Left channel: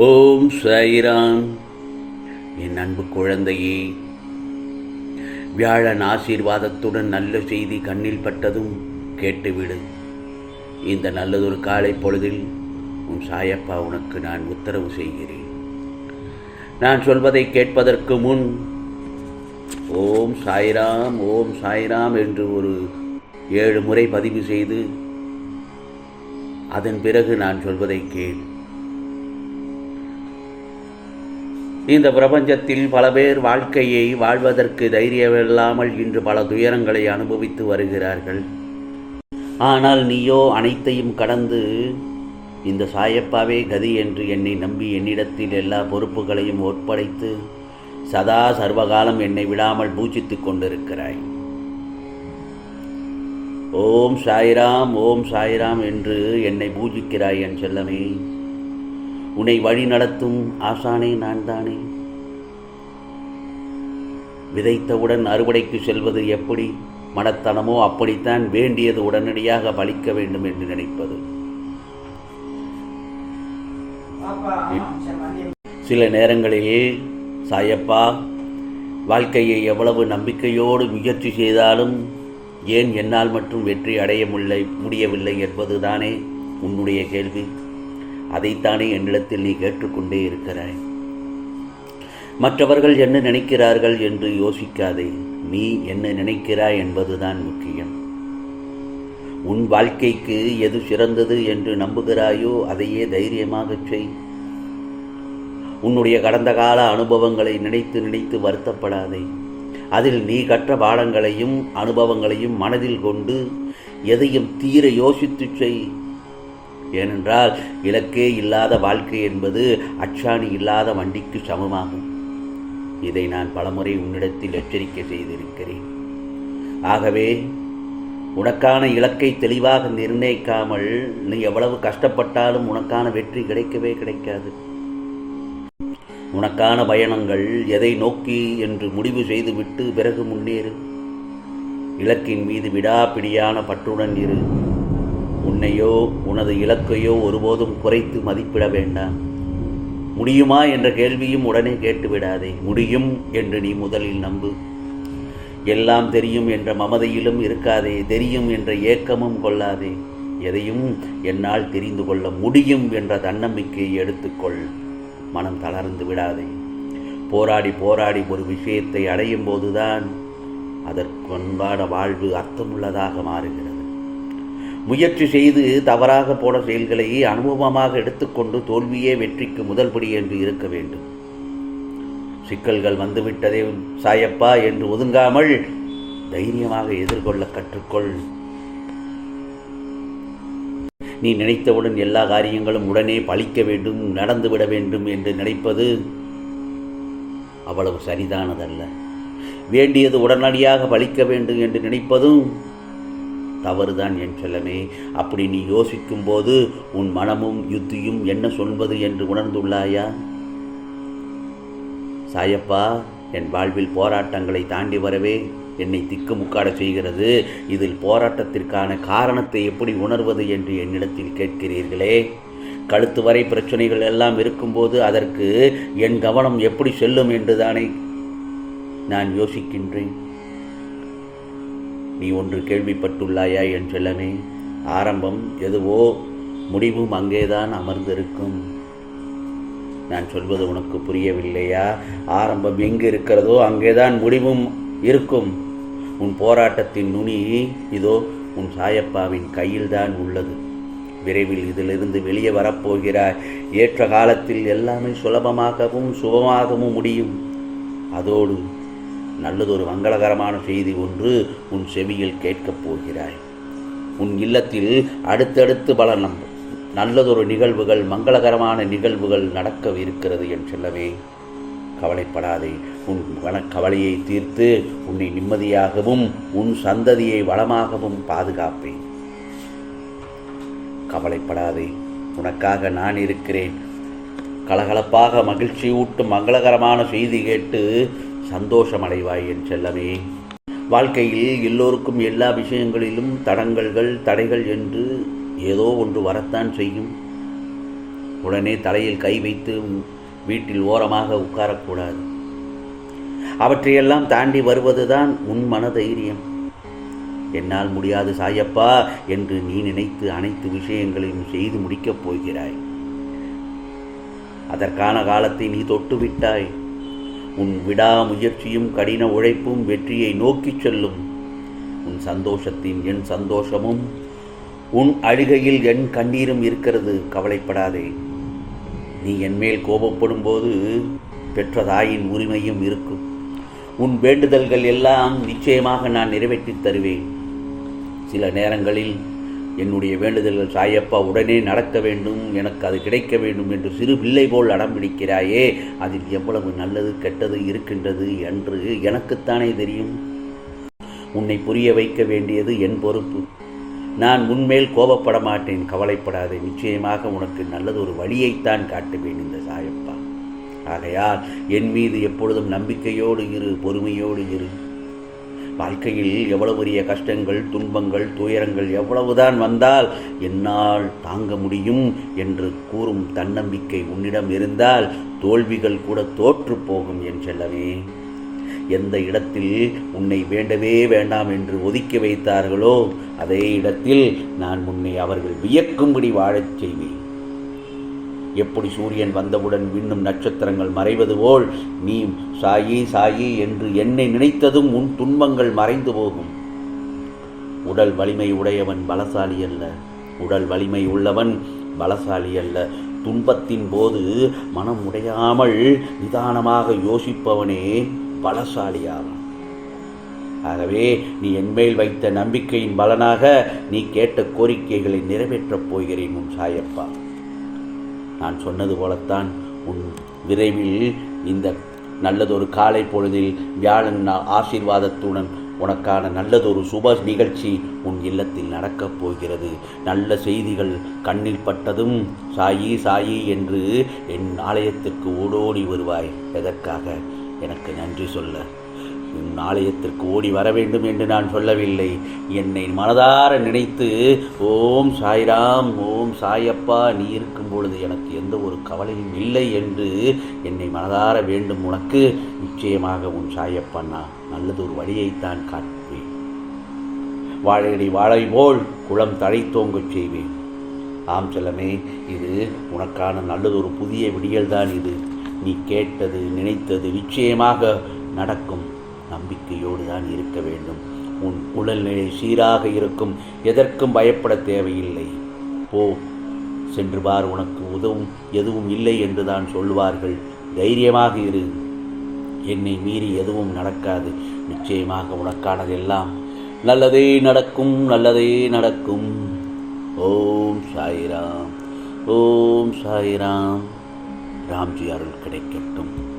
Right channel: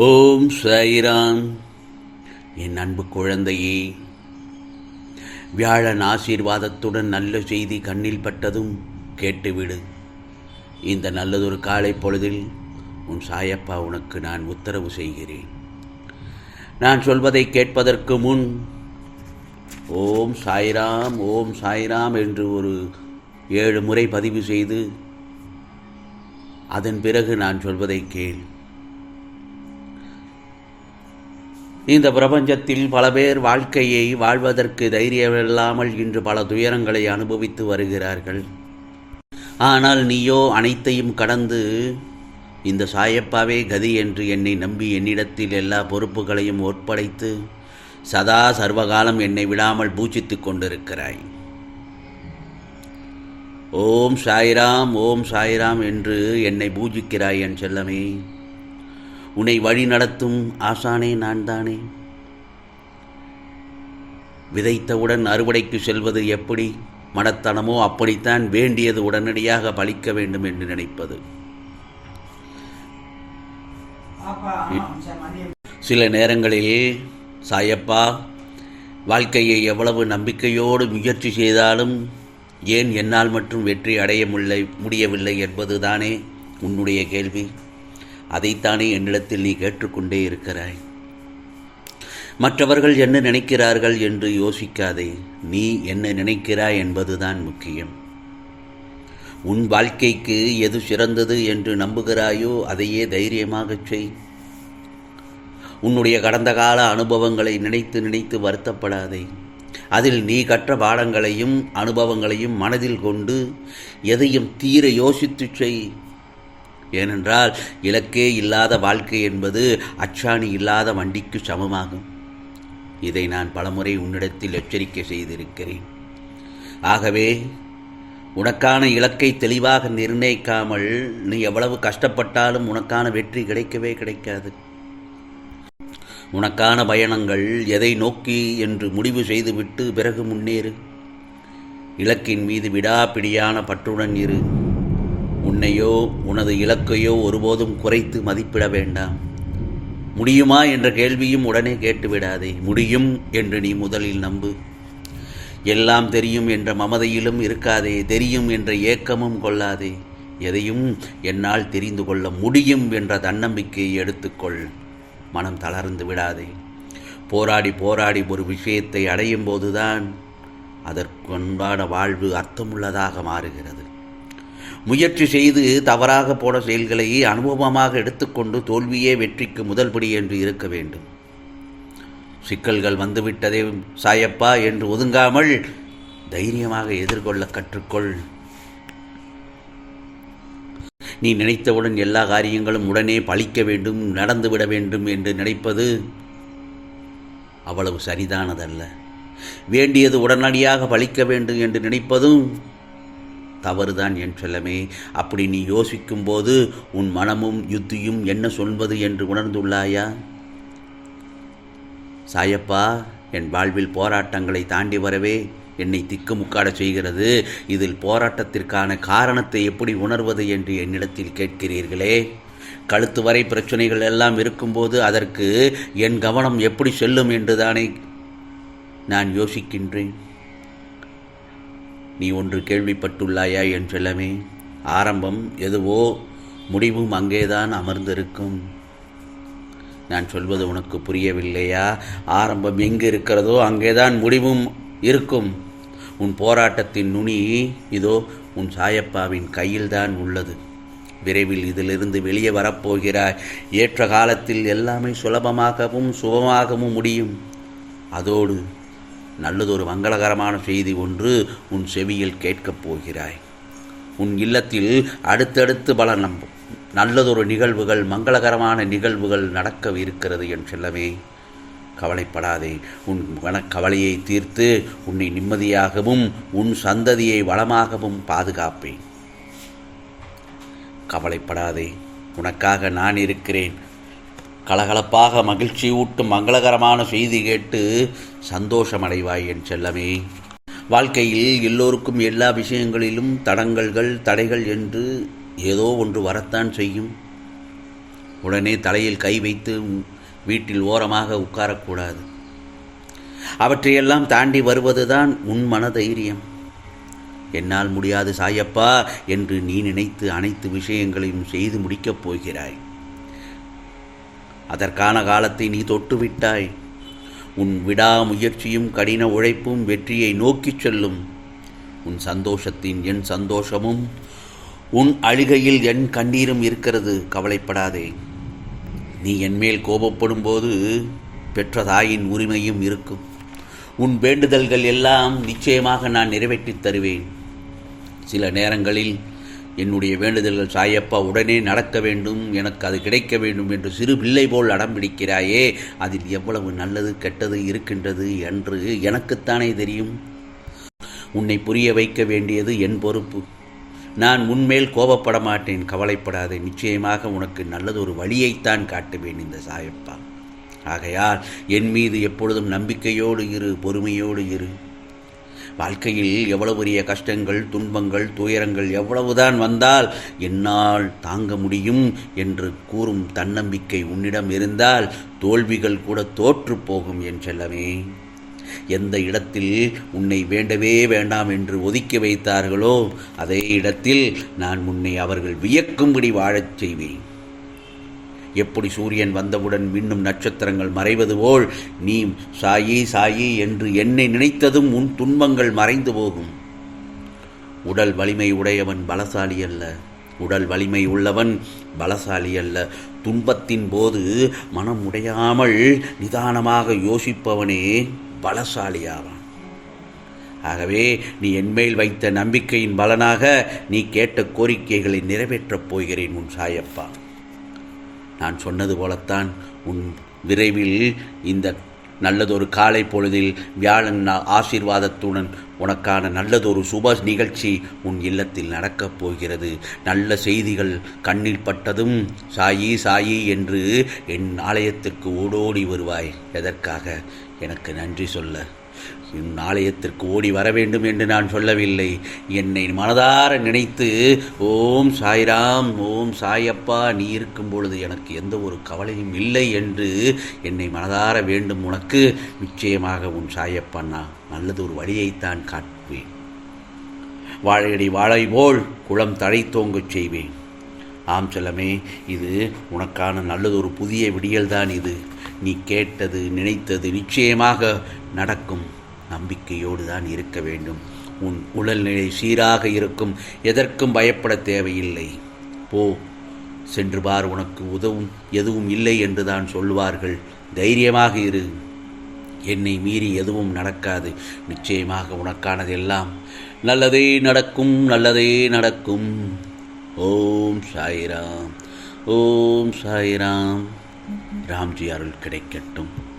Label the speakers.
Speaker 1: ஓம் சாயிராம். என் அன்பு குழந்தையே வியாழன் ஆசீர்வாதத்துடன் நல்ல செய்தி கண்ணில் பட்டதும் கேட்டுவிடு. இந்த நல்லதொரு காலை பொழுதில் உன் சாயப்பா உனக்கு நான் உத்தரவு செய்கிறேன். நான் சொல்வதை கேட்பதற்கு முன் ஓம் சாய்ராம் ஓம் சாய்ராம் என்று ஒரு ஏழு முறை பதிவு செய்து அதன் பிறகு நான் சொல்வதை கேள். இந்த பிரபஞ்சத்தில் பல பேர் வாழ்க்கையை வாழ்வதற்கு தைரியமில்லாமல் இன்று பல துயரங்களை அனுபவித்து வருகிறார்கள். ஆனால் நீயோ அனைத்தையும் கடந்து இந்த சாயப்பாவே கதி என்று என்னை நம்பி என்னிடத்தில் எல்லா பொறுப்புகளையும் ஒப்படைத்து சதா சர்வகாலம் என்னை விடாமல் பூஜித்துக் கொண்டிருக்கிறாய். ஓம் சாய்ராம் ஓம் சாய்ராம் என்று என்னை பூஜிக்கிறாய் என் செல்லமே. உன்னை வழி நடத்தும் ஆசானே நான் தானே விதைத்தவுடன் அறுவடைக்கு செல்வது எப்படி? மனத்தனமோ அப்படித்தான் வேண்டியது உடனடியாக பலிக்க வேண்டும் என்று நினைப்பது. சில நேரங்களில் சாயப்பா வாழ்க்கையை எவ்வளவு நம்பிக்கையோடு முயற்சி செய்தாலும் ஏன் என்னால் மட்டும் வெற்றி அடைய முல்லை முடியவில்லை என்பதுதானே உன்னுடைய கேள்வி. அதைத்தானே என்னிடத்தில் நீ கேட்டுக்கொண்டே இருக்கிறாய்? மற்றவர்கள் என்ன நினைக்கிறார்கள் என்று யோசிக்காதே நீ என்ன நினைக்கிறாய் என்பதுதான் முக்கியம். உன் வாழ்க்கைக்கு எது சிறந்தது என்று நம்புகிறாயோ அதையே தைரியமாகச் செய். உன்னுடைய கடந்த கால அனுபவங்களை நினைத்து நினைத்து வருத்தப்படாதே. அதில் நீ கற்ற பாடங்களையும் அனுபவங்களையும் மனதில் கொண்டு எதையும் தீர யோசித்து செய். ஏனென்றால் இலக்கே இல்லாத வாழ்க்கை என்பது அச்சாணி இல்லாத வண்டிக்கு சமமாகும். இதை நான் பலமுறை உன்னிடத்தில் எச்சரிக்கை செய்திருக்கிறேன். ஆகவே உனக்கான இலக்கை தெளிவாக நிர்ணயிக்காமல் நீ எவ்வளவு கஷ்டப்பட்டாலும் உனக்கான வெற்றி கிடைக்கவே கிடைக்காது. உனக்கான பயணங்கள் எதை நோக்கி என்று முடிவு செய்துவிட்டு பிறகு முன்னேறு. இலக்கின் மீது விடாப்பிடியான பற்றுடன் இரு. உன்னையோ உனது இலக்கையோ ஒருபோதும் குறைத்து மதிப்பிட வேண்டாம். முடியுமா என்ற கேள்வியும் உடனே கேட்டுவிடாதே. முடியும் என்று நீ முதலில் நம்பு. எல்லாம் தெரியும் என்ற மமதையிலும் இருக்காதே. தெரியும் என்ற ஏக்கமும் கொள்ளாதே. எதையும் என்னால் தெரிந்து கொள்ள முடியும் என்ற தன்னம்பிக்கையை எடுத்துக்கொள். மனம் தளர்ந்து விடாதே. போராடி போராடி ஒரு விஷயத்தை அடையும் போதுதான் அதற்கொன்பான வாழ்வு அர்த்தமுள்ளதாக மாறுகிறது. முயற்சி செய்து தவறாக போன செயல்களை அனுபவமாக எடுத்துக்கொண்டு தோல்வியே வெற்றிக்கு முதல்படி என்று இருக்க வேண்டும். சிக்கல்கள் வந்துவிட்டதே சாயப்பா என்று ஒதுங்காமல் தைரியமாக எதிர்கொள்ள கற்றுக்கொள். நீ நினைத்தவுடன் எல்லா காரியங்களும் உடனே பழிக்க வேண்டும் நடந்துவிட வேண்டும் என்று நினைப்பது அவ்வளவு சரிதானதல்ல. வேண்டியது உடனடியாக பழிக்க வேண்டும் என்று நினைப்பதும் தவறுதான் என் செல்லமே அப்படி நீ யோசிக்கும்போது உன் மனமும் யுத்தியும் என்ன சொல்வது என்று உணர்ந்துள்ளாயா? சாயப்பா என் வாழ்வில் போராட்டங்களை தாண்டி வரவே என்னை திக்குமுக்காட செய்கிறது. இதில் போராட்டத்திற்கான காரணத்தை எப்படி உணர்வது என்று என்னிடத்தில் கேட்கிறீர்களே. கழுத்து வரை பிரச்சனைகள் எல்லாம் இருக்கும்போது அதற்கு என் கவனம் எப்படி செல்லும் என்றுதானே நான் யோசிக்கின்றேன். நீ ஒன்று கேள்விப்பட்டுள்ளாயா என்றெல்லாமே. ஆரம்பம் எதுவோ முடிவும் அங்கேதான் அமர்ந்திருக்கும். நான் சொல்வது உனக்கு புரியவில்லையா? ஆரம்பம் எங்கு இருக்கிறதோ அங்கேதான் முடிவும் இருக்கும். உன் போராட்டத்தின் நுனி இதோ உன் சாயப்பாவின் கையில்தான் உள்ளது. விரைவில் இதிலிருந்து வெளியே வரப்போகிறாய். ஏற்ற காலத்தில் எல்லாமே சுலபமாகவும் சுபமாகவும் முடியும். அதோடு நல்லதொரு மங்களகரமான செய்தி ஒன்று உன் செவியில் கேட்கப் போகிறாய். உன் இல்லத்தில் அடுத்தடுத்து பல நம் நல்லதொரு நிகழ்வுகள் மங்களகரமான நிகழ்வுகள் நடக்க இருக்கிறது என் செல்லவே கவலைப்படாதே உன் கவலையை தீர்த்து உன்னை நிம்மதியாகவும் உன் சந்ததியை வளமாகவும் பாதுகாப்பேன். கவலைப்படாதே உனக்காக நான் இருக்கிறேன். கலகலப்பாக மகிழ்ச்சி ஊட்டும் மங்களகரமான செய்தி கேட்டு சந்தோஷமடைவாய் என் செல்லமே. வாழ்க்கையில் எல்லோருக்கும் எல்லா விஷயங்களிலும் தடங்கல்கள் தடைகள் என்று ஏதோ ஒன்று வரத்தான் செய்யும். உடனே தலையில் கை வைத்து வீட்டில் ஓரமாக உட்காரக்கூடாது. அவற்றையெல்லாம் தாண்டி வருவதுதான் உன் மனதைரியம். என்னால் முடியாது சாயப்பா என்று நீ நினைத்து அனைத்து விஷயங்களையும் செய்து முடிக்கப் போகிறாய். அதற்கான காலத்தை நீ தொட்டுவிட்டாய். உன் விடாமுயற்சியும் கடின உழைப்பும் வெற்றியை நோக்கிச் செல்லும். உன் சந்தோஷத்தின் என் சந்தோஷமும் உன் அழுகையில் என் கண்ணீரும் இருக்கிறது கவலைப்படாதே. நீ என்மேல் கோபப்படும் போது பெற்ற தாயின் உரிமையும் இருக்கும். உன் வேண்டுதல்கள் எல்லாம் நிச்சயமாக நான் நிறைவேற்றித் தருவேன். சில நேரங்களில் என்னுடைய வேண்டுதல்கள் சாயப்பா உடனே நடக்க வேண்டும் எனக்கு அது கிடைக்க வேண்டும் என்று சிறு பிள்ளை போல் அடம்பிடிக்கிறாயே அதில் எவ்வளவு நல்லது கெட்டது இருக்கின்றது என்று எனக்குத்தானே தெரியும். உன்னை புரிய வைக்க வேண்டியது என் பொறுப்பு. நான் உன்மேல் கோபப்பட மாட்டேன் கவலைப்படாதே. நிச்சயமாக உனக்கு நல்லது ஒரு வழியைத்தான் காட்டுவேன் இந்த சாயப்பா. ஆகையால் என் மீது எப்பொழுதும் நம்பிக்கையோடு இரு பொறுமையோடு இரு. வாழ்க்கையில் எவ்வளவு பெரிய கஷ்டங்கள் துன்பங்கள் துயரங்கள் எவ்வளவுதான் வந்தால் என்னால் தாங்க முடியும் என்று கூறும் தன்னம்பிக்கை உன்னிடம் இருந்தால் தோல்விகள் கூட தோற்று போகும் என் செல்லவே எந்த இடத்தில் உன்னை வேண்டவே வேண்டாம் என்று ஒதுக்கி வைத்தார்களோ அதே இடத்தில் நான் உன்னை அவர்கள் வியக்கும்படி வாழச் செய்வேன். எப்படி சூரியன் வந்தவுடன் விண்ணும் நட்சத்திரங்கள் மறைவது போல் நீ சாயி சாயி என்று என்னை நினைத்ததும் உன் துன்பங்கள் மறைந்து போகும். உடல் வலிமை உடையவன் பலசாலி அல்ல. உடல் வலிமை உள்ளவன் பலசாலி அல்ல. துன்பத்தின் போது மனம் உடையாமல் நிதானமாக யோசிப்பவனே பலசாலியாவான். ஆகவே நீ என்மேல் வைத்த நம்பிக்கையின் பலனாக நீ கேட்ட கோரிக்கைகளை நிறைவேற்றப் போகிறேன் உன் சாயப்பா. நான் சொன்னது போலத்தான் உன் விரைவில் இந்த நல்லதொரு காலை பொழுதில் வியாழன் ஆசீர்வாதத்துடன் உனக்கான நல்லதொரு சுப நிகழ்ச்சி உன் இல்லத்தில் நடக்கப் போகிறது. நல்ல செய்திகள் கண்ணில் பட்டதும் சாயி சாயி என்று என் ஆலயத்திற்கு ஓடோடி வருவாய். எதற்காக? எனக்கு நன்றி சொல்ல. என் ஆலயத்திற்கு ஓடி வர வேண்டும் என்று நான் சொல்லவில்லை. என்னை மனதார நினைத்து ஓம் சாய்ராம் ஓம் சாயப்பா நீ இருக்கும் பொழுது எனக்கு எந்த ஒரு கவலையும் இல்லை என்று என்னை மனதார வேண்டும் உனக்கு. நிச்சயமாக உன் சாயப்பா நான் நல்லது ஒரு வழியைத்தான் காட்டுவேன். வாழையடி வாழை போல் குளம் தழைத்தோங்கச் செய்வேன். ஆம் செல்லமே இது உனக்கான நல்லதொரு புதிய விடியல்தான் இது. நீ கேட்டது நினைத்தது நிச்சயமாக நடக்கும். நம்பிக்கையோடு தான் இருக்க வேண்டும். உன் உடல்நிலை சீராக இருக்கும். எதற்கும் பயப்பட தேவையில்லை. போ சென்று பார் உனக்கு உதவும் எதுவும் இல்லை என்று தான் சொல்வார்கள். தைரியமாக இரு. என்னை மீறி எதுவும் நடக்காது. நிச்சயமாக உனக்கானதெல்லாம் நல்லதே நடக்கும் நல்லதே நடக்கும். ஓம் சாய்ராம். ஓம் சாய்ராம். ராம்ஜி அருள் கிடைக்கட்டும்.